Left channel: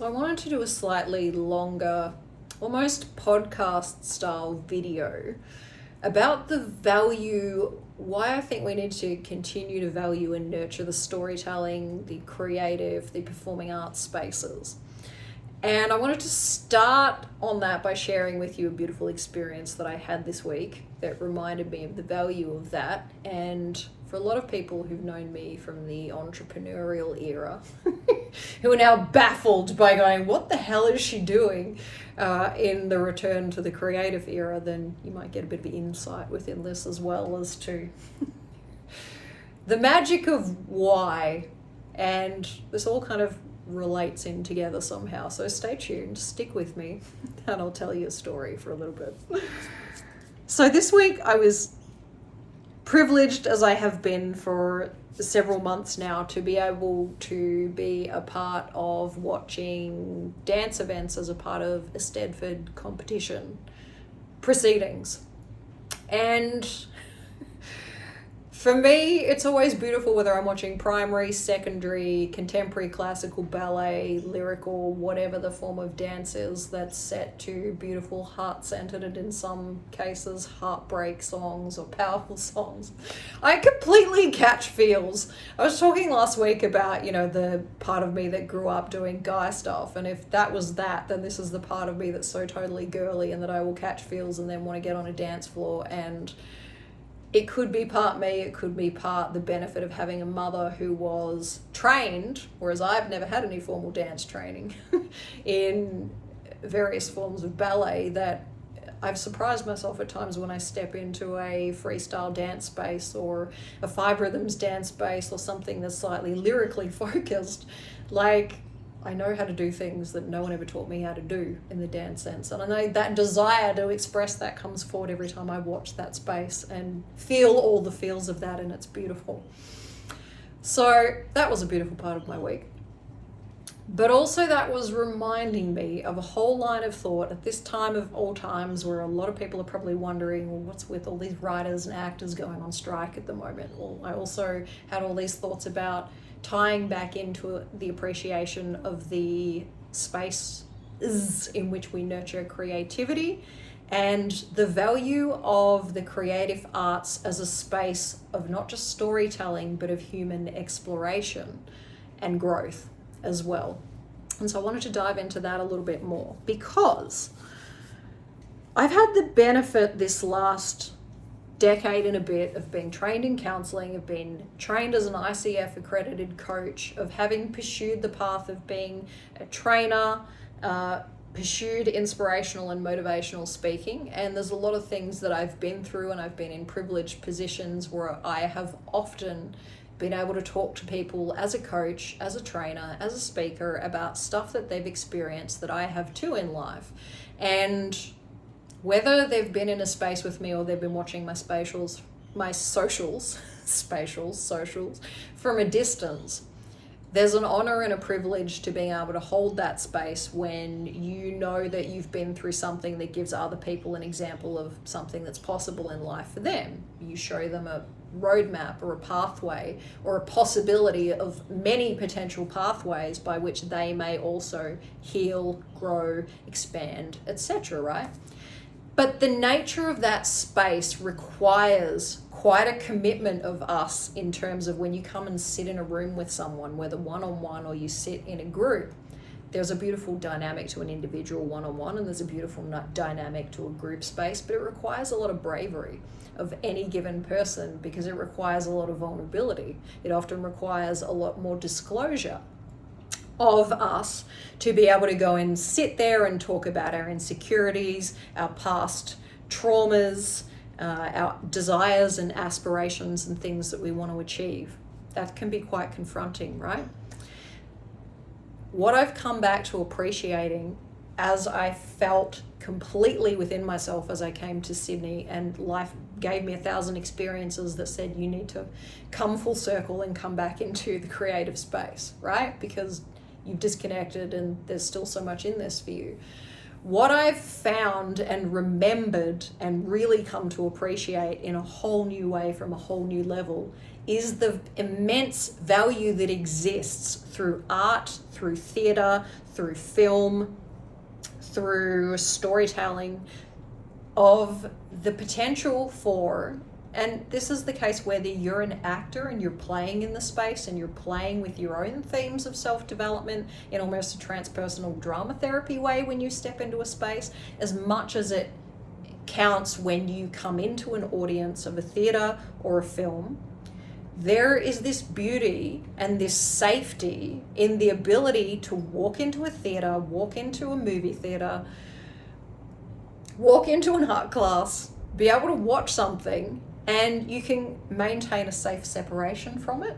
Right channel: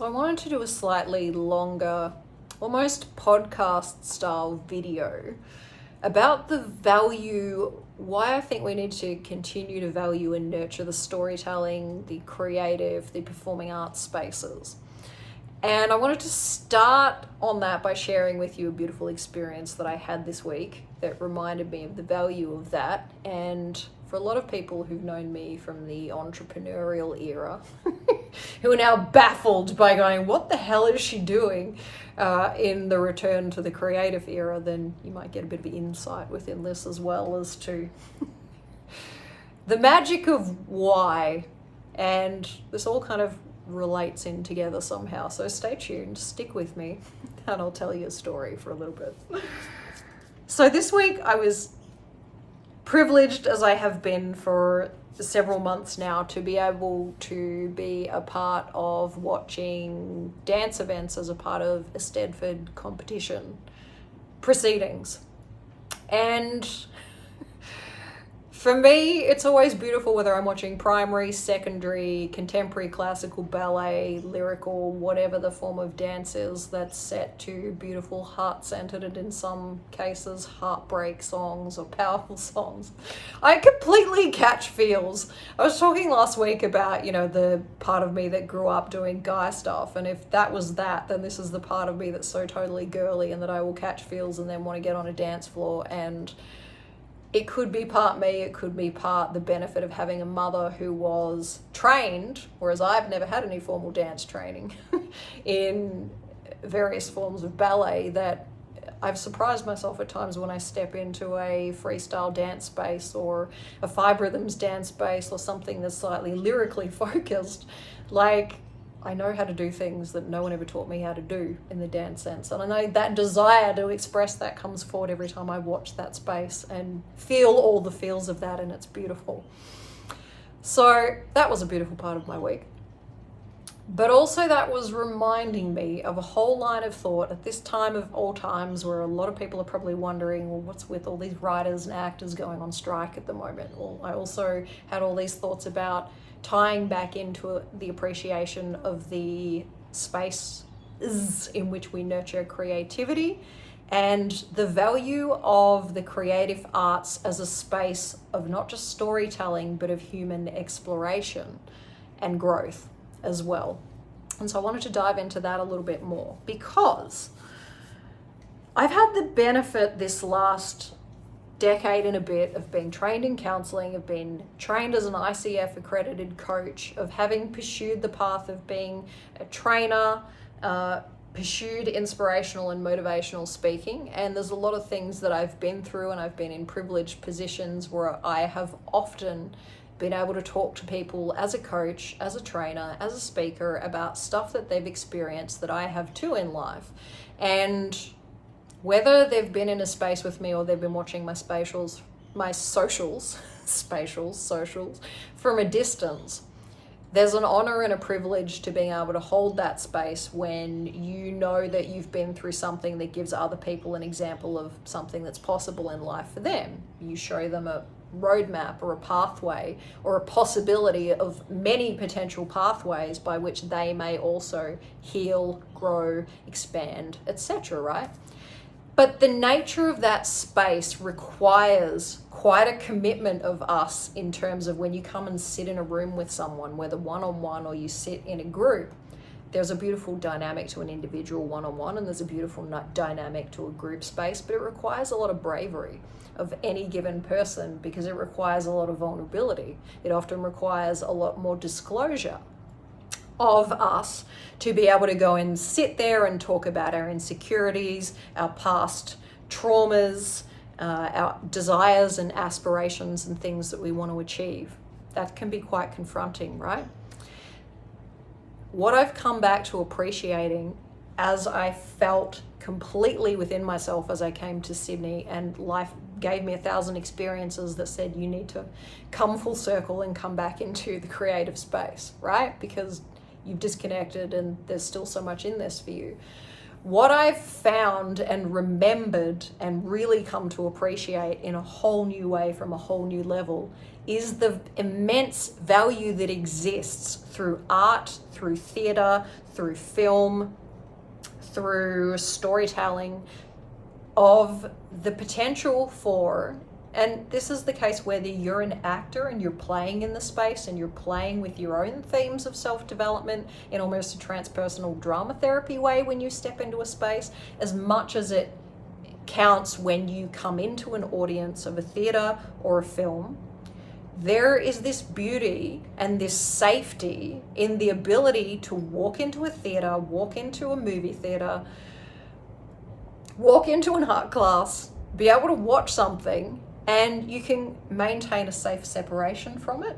So I wanted to do a slightly longer, almost podcast style video about the value, why I think we need to continue to value and nurture the storytelling, the creative, the performing arts spaces. And I wanted to start on that by sharing with you a beautiful experience that I had this week that reminded me of the value of that. And for a lot of people who've known me from the entrepreneurial era, who are now baffled by going, what the hell is she doing in the return to the creative era, then you might get a bit of insight within this as well as to the magic of why. And this all kind of relates in together somehow. So stay tuned, stick with me, and I'll tell you a story for a little bit. So this week I was privileged, as I have been for several months now, to be able to be a part of watching dance events as a part of a Stedford competition proceedings. And for me, it's always beautiful whether I'm watching primary, secondary, contemporary, classical, ballet, lyrical, whatever the form of dance is that's set to beautiful, heart-centered, and in some cases, heartbreak songs or powerful songs. I completely catch feels. I was talking last week about, the part of me that grew up doing guy stuff, and if that was that, then this is the part of me that's so totally girly and that I will catch feels and then want to get on a dance floor. And it could be part me, it could be part the benefit of having a mother who was trained, whereas I've never had any formal dance training, in various forms of ballet, that I've surprised myself at times when I step into a freestyle dance space or a 5 rhythms dance space or something that's slightly lyrically focused. Like, I know how to do things that no one ever taught me how to do in the dance sense. And I know that desire to express that comes forward every time I watch that space and feel all the feels of that, and it's beautiful. So that was a beautiful part of my week. But also that was reminding me of a whole line of thought at this time of all times, where a lot of people are probably wondering, well, what's with all these writers and actors going on strike at the moment? Well, I also had all these thoughts about tying back into the appreciation of the space in which we nurture creativity and the value of the creative arts as a space of not just storytelling, but of human exploration and growth as well. And so I wanted to dive into that a little bit more, because I've had the benefit this last decade and a bit of being trained in counseling, of being trained as an ICF accredited coach, of having pursued the path of being a trainer, pursued inspirational and motivational speaking. And there's a lot of things that I've been through, and I've been in privileged positions where I have often been able to talk to people as a coach, as a trainer, as a speaker about stuff that they've experienced that I have too in life. And whether they've been in a space with me or they've been watching my socials from a distance, there's an honor and a privilege to being able to hold that space when you know that you've been through something that gives other people an example of something that's possible in life for them. You show them a roadmap or a pathway or a possibility of many potential pathways by which they may also heal, grow, expand, etc., right? But the nature of that space requires quite a commitment of us in terms of when you come and sit in a room with someone, whether one-on-one or you sit in a group. There's a beautiful dynamic to an individual one-on-one, and there's a beautiful dynamic to a group space, but it requires a lot of bravery of any given person, because it requires a lot of vulnerability. It often requires a lot more disclosure of us to be able to go and sit there and talk about our insecurities, our past traumas, our desires and aspirations and things that we want to achieve. That can be quite confronting, right? What I've come back to appreciating as I felt completely within myself as I came to Sydney, and life gave me 1,000 experiences that said you need to come full circle and come back into the creative space, right? Because you've disconnected and there's still so much in this for you. What I've found and remembered and really come to appreciate in a whole new way, from a whole new level, is the immense value that exists through art, through theatre, through film, through storytelling, of the potential for, and this is the case whether you're an actor and you're playing in the space and you're playing with your own themes of self-development in almost a transpersonal drama therapy way when you step into a space, as much as it counts when you come into an audience of a theatre or a film. There is this beauty and this safety in the ability to walk into a theatre, walk into a movie theatre, walk into an art class, be able to watch something, and you can maintain a safe separation from it.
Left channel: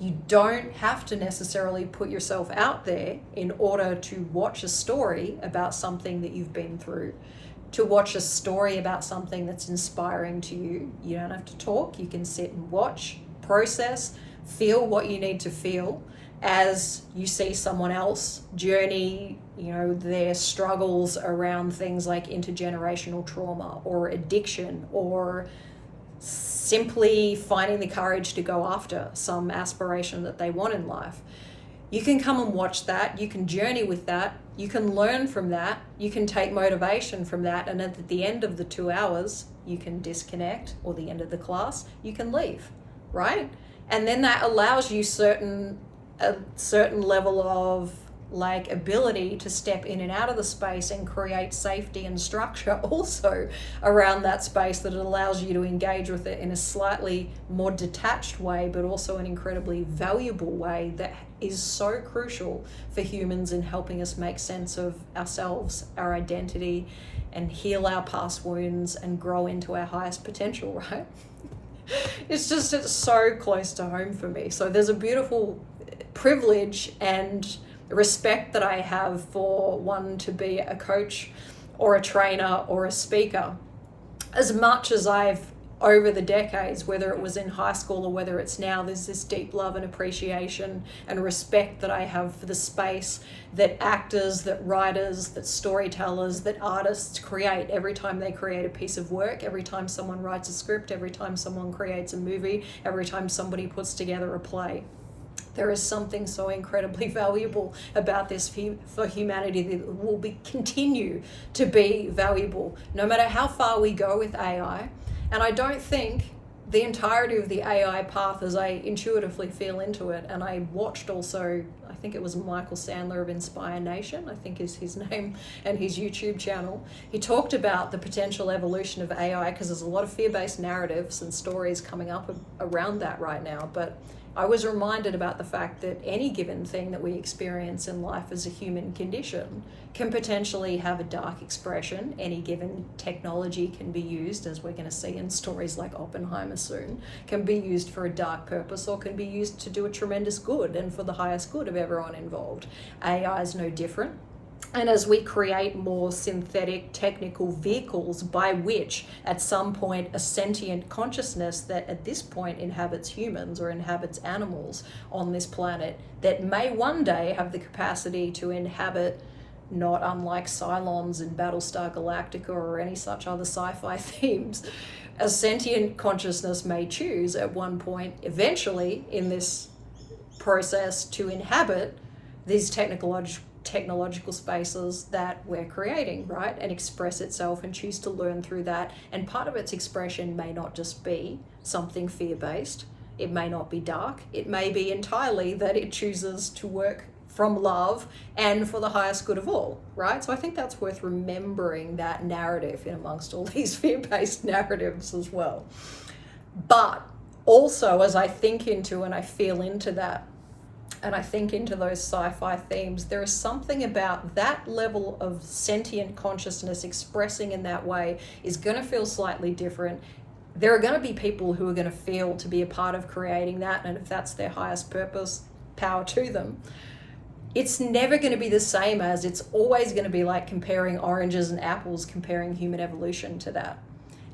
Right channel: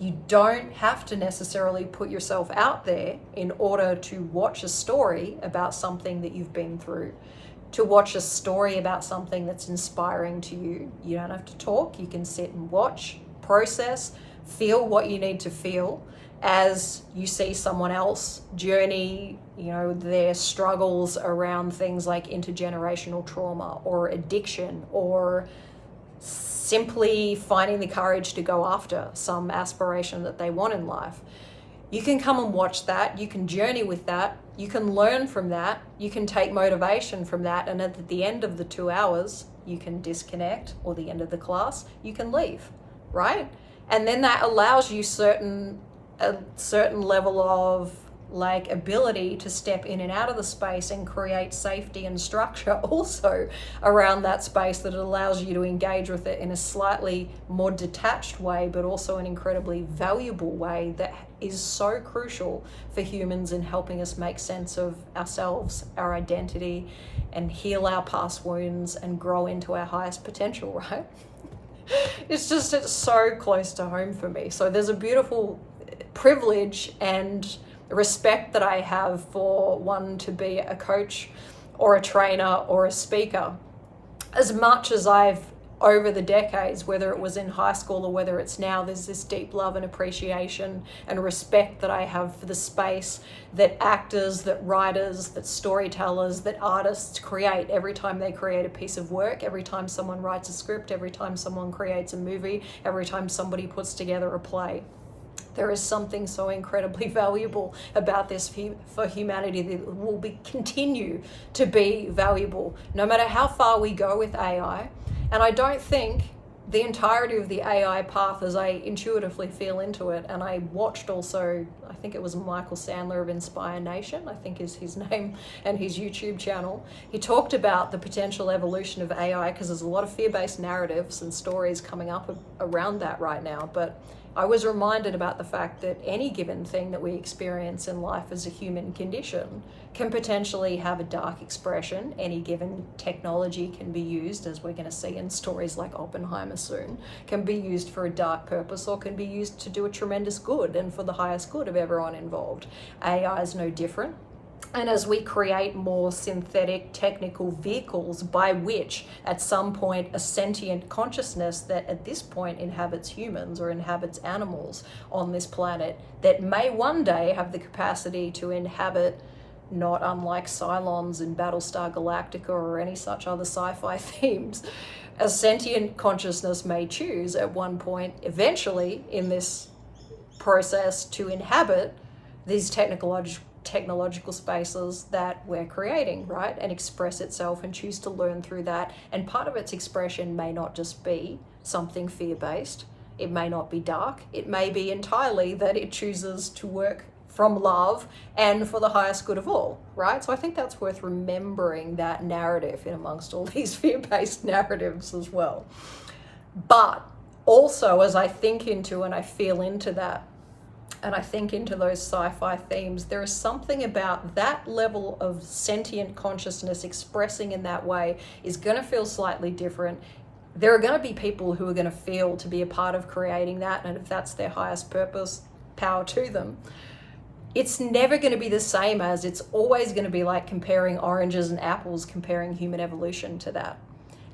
You don't have to necessarily put yourself out there in order to watch a story about something that you've been through, to watch a story about something that's inspiring to you. You don't have to talk. You can sit and watch, process, feel what you need to feel as you see someone else journey, their struggles around things like intergenerational trauma or addiction, or simply finding the courage to go after some aspiration that they want in life. You can come and watch that, you can journey with that, you can learn from that, you can take motivation from that, and at the end of the 2 hours, you can disconnect, or the end of the class, you can leave, right? And then that allows you a certain level of ability to step in and out of the space and create safety and structure also around that space, that allows you to engage with it in a slightly more detached way, but also an incredibly valuable way that is so crucial for humans in helping us make sense of ourselves, our identity, and heal our past wounds and grow into our highest potential, right? It's so close to home for me. So there's a beautiful privilege and respect that I have for one to be a coach or a trainer or a speaker. As much as I've, over the decades, whether it was in high school or whether it's now, there's this deep love and appreciation and respect that I have for the space that actors, that writers, that storytellers, that artists create every time they create a piece of work, every time someone writes a script, every time someone creates a movie, every time somebody puts together a play. There is something so incredibly valuable about this for humanity that will continue to be valuable no matter how far we go with AI. And I don't think the entirety of the AI path, as I intuitively feel into it, and I watched also, I think it was Michael Sandler of Inspire Nation, I think is his name, and his YouTube channel. He talked about the potential evolution of AI, because there's a lot of fear-based narratives and stories coming up around that right now. But I was reminded about the fact that any given thing that we experience in life as a human condition can potentially have a dark expression. Any given technology can be used, as we're going to see in stories like Oppenheimer soon, can be used for a dark purpose or can be used to do a tremendous good and for the highest good of everyone involved. AI is no different. And as we create more synthetic technical vehicles by which at some point a sentient consciousness that at this point inhabits humans or inhabits animals on this planet, that may one day have the capacity to inhabit, not unlike Cylons in Battlestar Galactica or any such other sci-fi themes, a sentient consciousness may choose at one point eventually in this process to inhabit these technological spaces that we're creating, right? And express itself and choose to learn through that. And part of its expression may not just be something fear-based. It may not be dark. It may be entirely that it chooses to work from love and for the highest good of all, right? So I think that's worth remembering, that narrative in amongst all these fear-based narratives as well. But also, as I think into and I feel into that, and I think into those sci-fi themes, there is something about that level of sentient consciousness expressing in that way is going to feel slightly different. There are going to be people who are going to feel to be a part of creating that, and if that's their highest purpose, power to them. It's never going to be the same as, it's always going to be like comparing oranges and apples, comparing human evolution to that.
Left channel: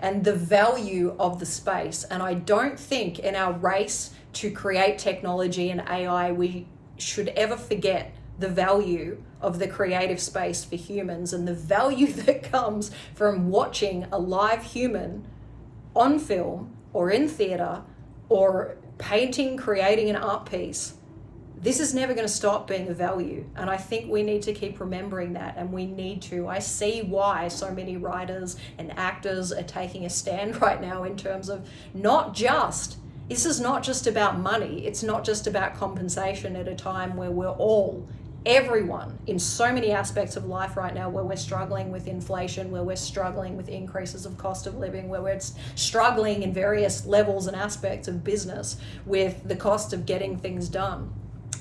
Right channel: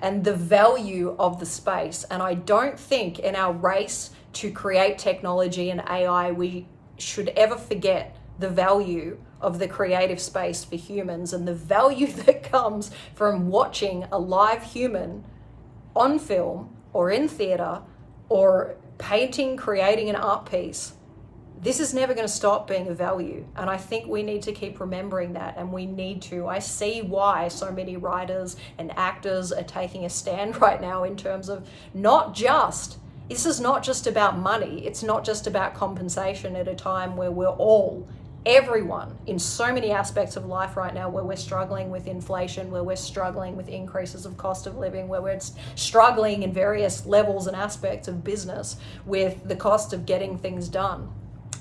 And the value of the space. And I don't think in our race to create technology and AI, we should ever forget the value of the creative space for humans and the value that comes from watching a live human on film or in theater or painting, creating an art piece, this is never going to stop being of value. And I think we need to keep remembering that, and we need to. I see why so many writers and actors are taking a stand right now in terms of this is not just about money. It's not just about compensation at a time where everyone in so many aspects of life right now, where we're struggling with inflation, where we're struggling with increases of cost of living, where we're struggling in various levels and aspects of business with the cost of getting things done.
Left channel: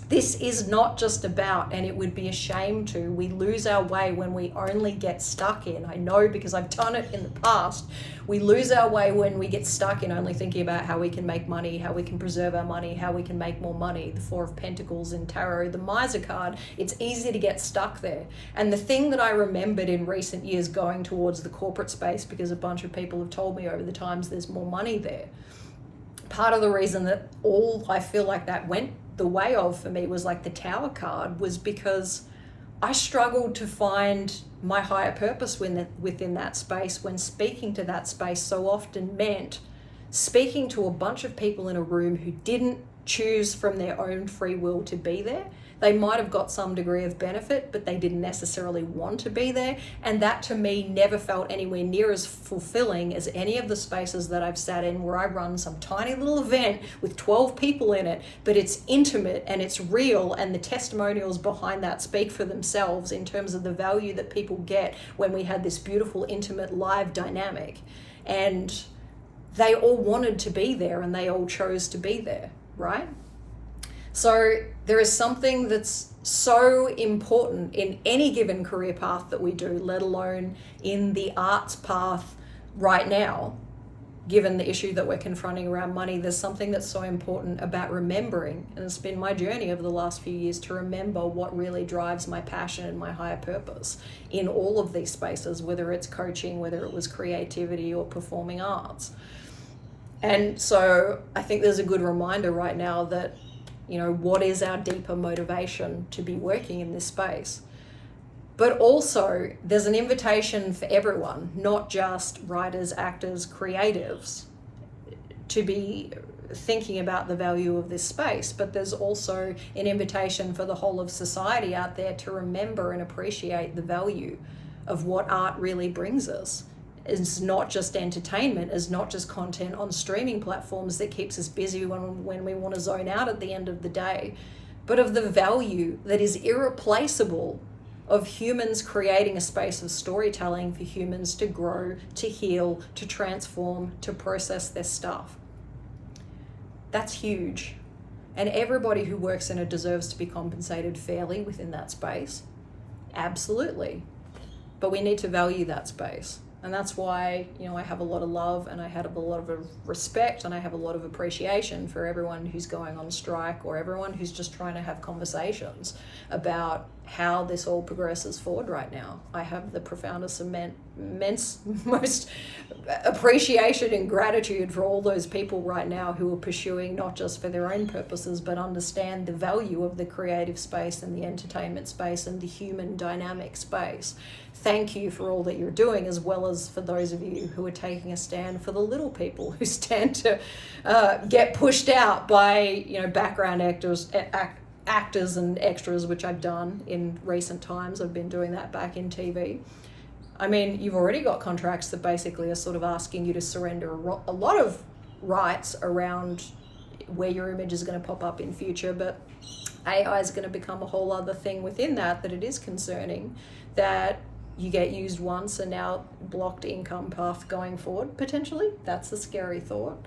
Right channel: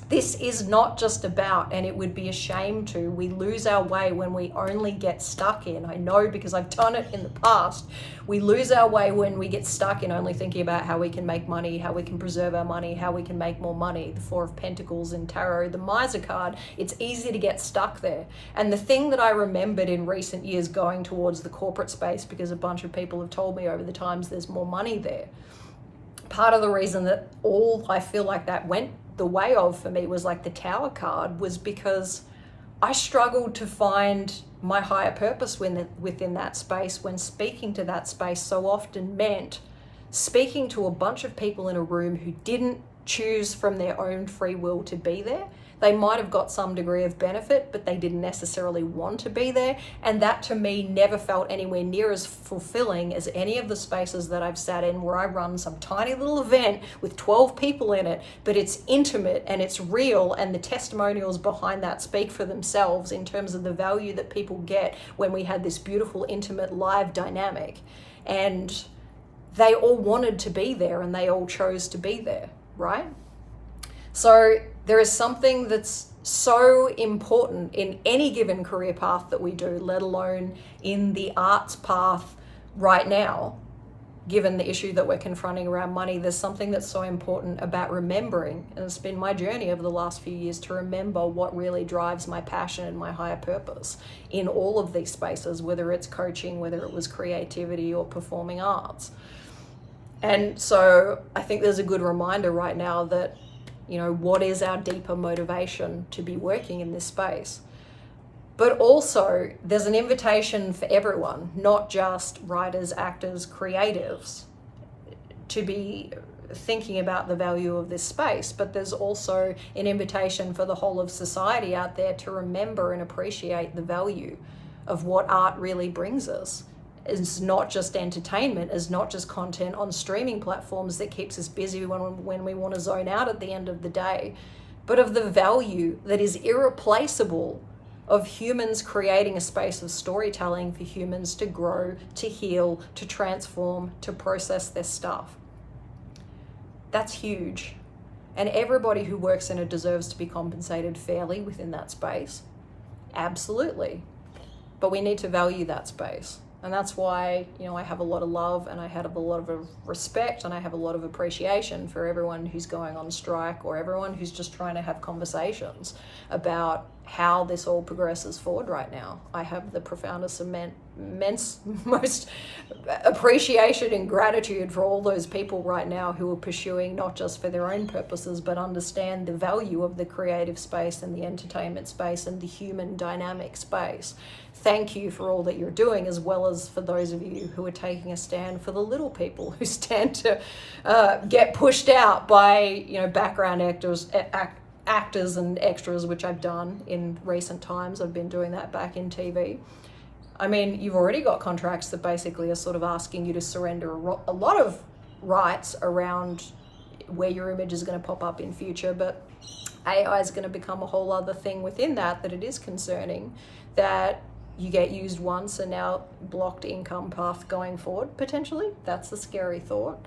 This is not just about, and it would be a shame we lose our way when we only get stuck in, I know because I've done it in the past, we lose our way when we get stuck in only thinking about how we can make money, how we can preserve our money, how we can make more money. The Four of Pentacles in Tarot, the Miser card, it's easy to get stuck there. And the thing that I remembered in recent years going towards the corporate space, because a bunch of people have told me over the times there's more money there, part of the reason that all I feel like that went the way of for me was like the Tower card, was because I struggled to find my higher purpose within that space, when speaking to that space so often meant speaking to a bunch of people in a room who didn't choose from their own free will to be there. They might have got some degree of benefit, but they didn't necessarily want to be there. And that to me never felt anywhere near as fulfilling as any of the spaces that I've sat in where I run some tiny little event with 12 people in it, but it's intimate and it's real, and the testimonials behind that speak for themselves in terms of the value that people get when we had this beautiful, intimate, live dynamic. And they all wanted to be there and they all chose to be there, right? So there is something that's so important in any given career path that we do, let alone in the arts path right now, given the issue that we're confronting around money. There's something that's so important about remembering, and it's been my journey over the last few years to remember what really drives my passion and my higher purpose in all of these spaces, whether it's coaching, whether it was creativity or performing arts. And so I think there's a good reminder right now that, what is our deeper motivation to be working in this space? But also there's an invitation for everyone, not just writers, actors, creatives, to be thinking about the value of this space. But there's also an invitation for the whole of society out there to remember and appreciate the value of what art really brings us. It's not just entertainment, it's not just content on streaming platforms that keeps us busy when we want to zone out at the end of the day, but of the value that is irreplaceable of humans creating a space of storytelling for humans to grow, to heal, to transform, to process their stuff. That's huge. And everybody who works in it deserves to be compensated fairly within that space. Absolutely. But we need to value that space. And that's why, I have a lot of love, and I have a lot of respect, and I have a lot of appreciation for everyone who's going on strike, or everyone who's just trying to have conversations about how this all progresses forward right now. I have the profoundest, most appreciation and gratitude for all those people right now who are pursuing not just for their own purposes, but understand the value of the creative space and the entertainment space and the human dynamic space. Thank you for all that you're doing, as well as for those of you who are taking a stand for the little people who stand to get pushed out by, background actors and extras, which I've done in recent times. I've been doing that back in TV. I mean, you've already got contracts that basically are sort of asking you to surrender a lot of rights around where your image is going to pop up in future, but AI is going to become a whole other thing within that it is concerning, that you get used once and now blocked income path going forward, potentially. That's a scary thought.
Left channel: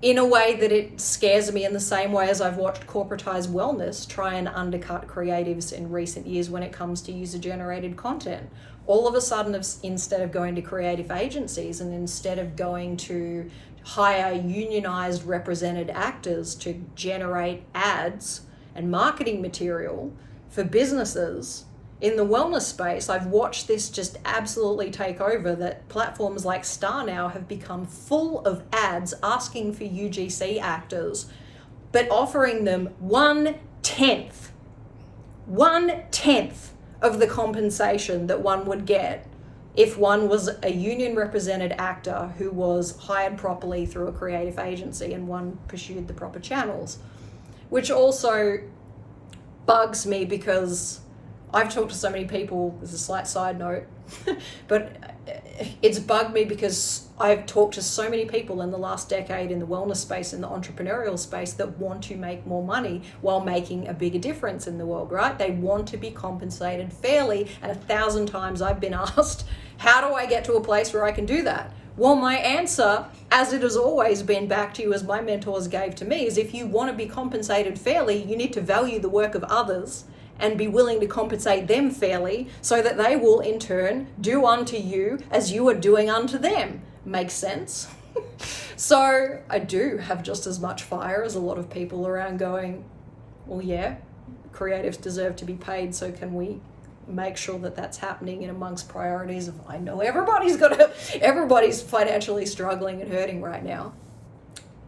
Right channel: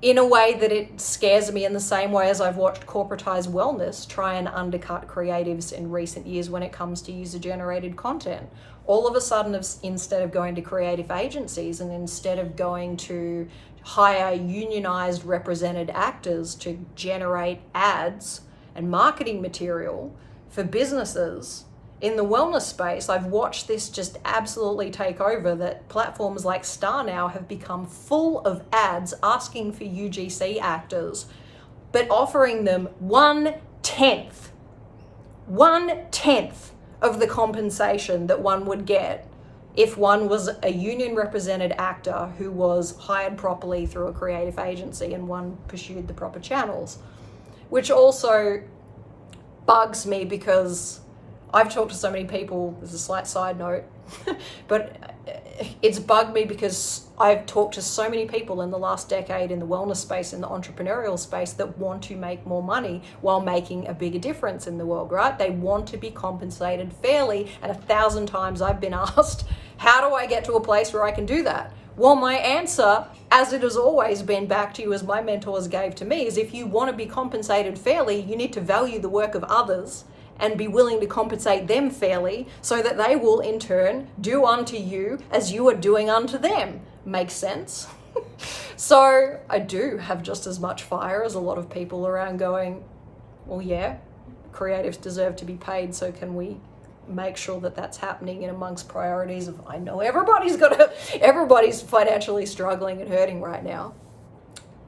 In a way that it scares me in the same way as I've watched corporatized wellness try and undercut creatives in recent years when it comes to user-generated content. All of a sudden, instead of going to creative agencies and instead of going to hire unionized represented actors to generate ads and marketing material for businesses, in the wellness space, I've watched this just absolutely take over, that platforms like Star now have become full of ads asking for UGC actors, but offering them 1/10 of the compensation that one would get if one was a union represented actor who was hired properly through a creative agency and one pursued the proper channels. Which also bugs me because I've talked to so many people, there's a slight side note, but it's bugged me because I've talked to so many people in the last decade in the wellness space, in the entrepreneurial space, that want to make more money while making a bigger difference in the world, right? They want to be compensated fairly, and 1,000 times I've been asked, how do I get to a place where I can do that? Well, my answer, as it has always been back to you as my mentors gave to me, is if you want to be compensated fairly, you need to value the work of others and be willing to compensate them fairly so that they will in turn do unto you as you are doing unto them. Makes sense? So I do have just as much fire as a lot of people around going, well, yeah, creatives deserve to be paid, so can we make sure that that's happening in amongst priorities of, I know everybody's financially struggling and hurting right now.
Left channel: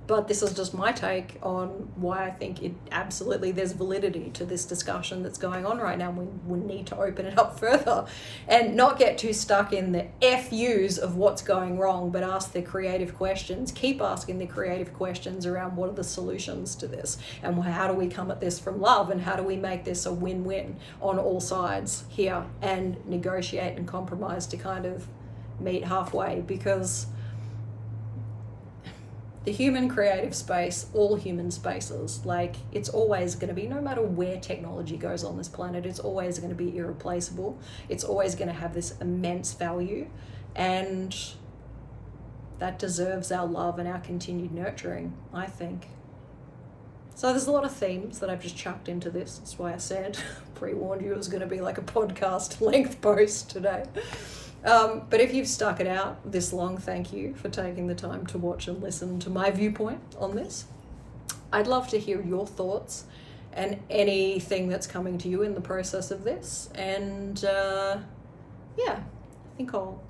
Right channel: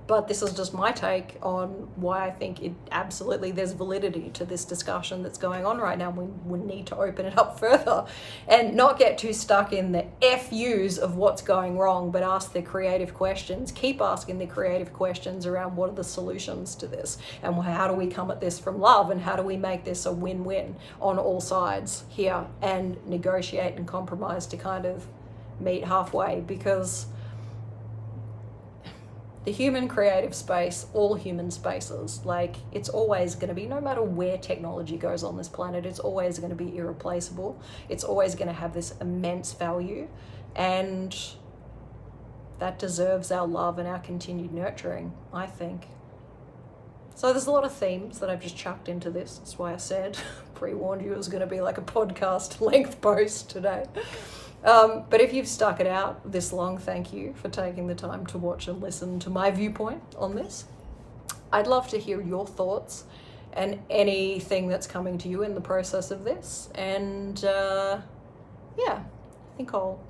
But this is just my take on why I think it absolutely, there's validity to this discussion that's going on right now. We need to open it up further and not get too stuck in the FUs of what's going wrong, but ask the creative questions. Keep asking the creative questions around what are the solutions to this and how do we come at this from love and how do we make this a win-win on all sides here and negotiate and compromise to kind of meet halfway, because the human creative space, all human spaces, like, it's always going to be, no matter where technology goes on this planet, it's always going to be irreplaceable. It's always going to have this immense value, and that deserves our love and our continued nurturing, I think. So there's a lot of themes that I've just chucked into this. That's why I said, pre-warned you it was going to be like a podcast length post today. But if you've stuck it out this long, thank you for taking the time to watch and listen to my viewpoint on this. I'd love to hear your thoughts and anything that's coming to you in the process of this. And yeah, I think I'll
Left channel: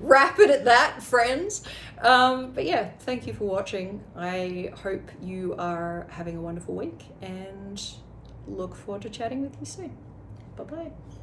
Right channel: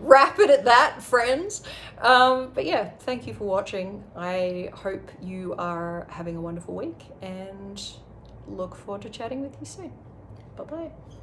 wrap it at that, friends. But yeah, thank you for watching. I hope you are having a wonderful week and look forward to chatting with you soon. Bye-bye.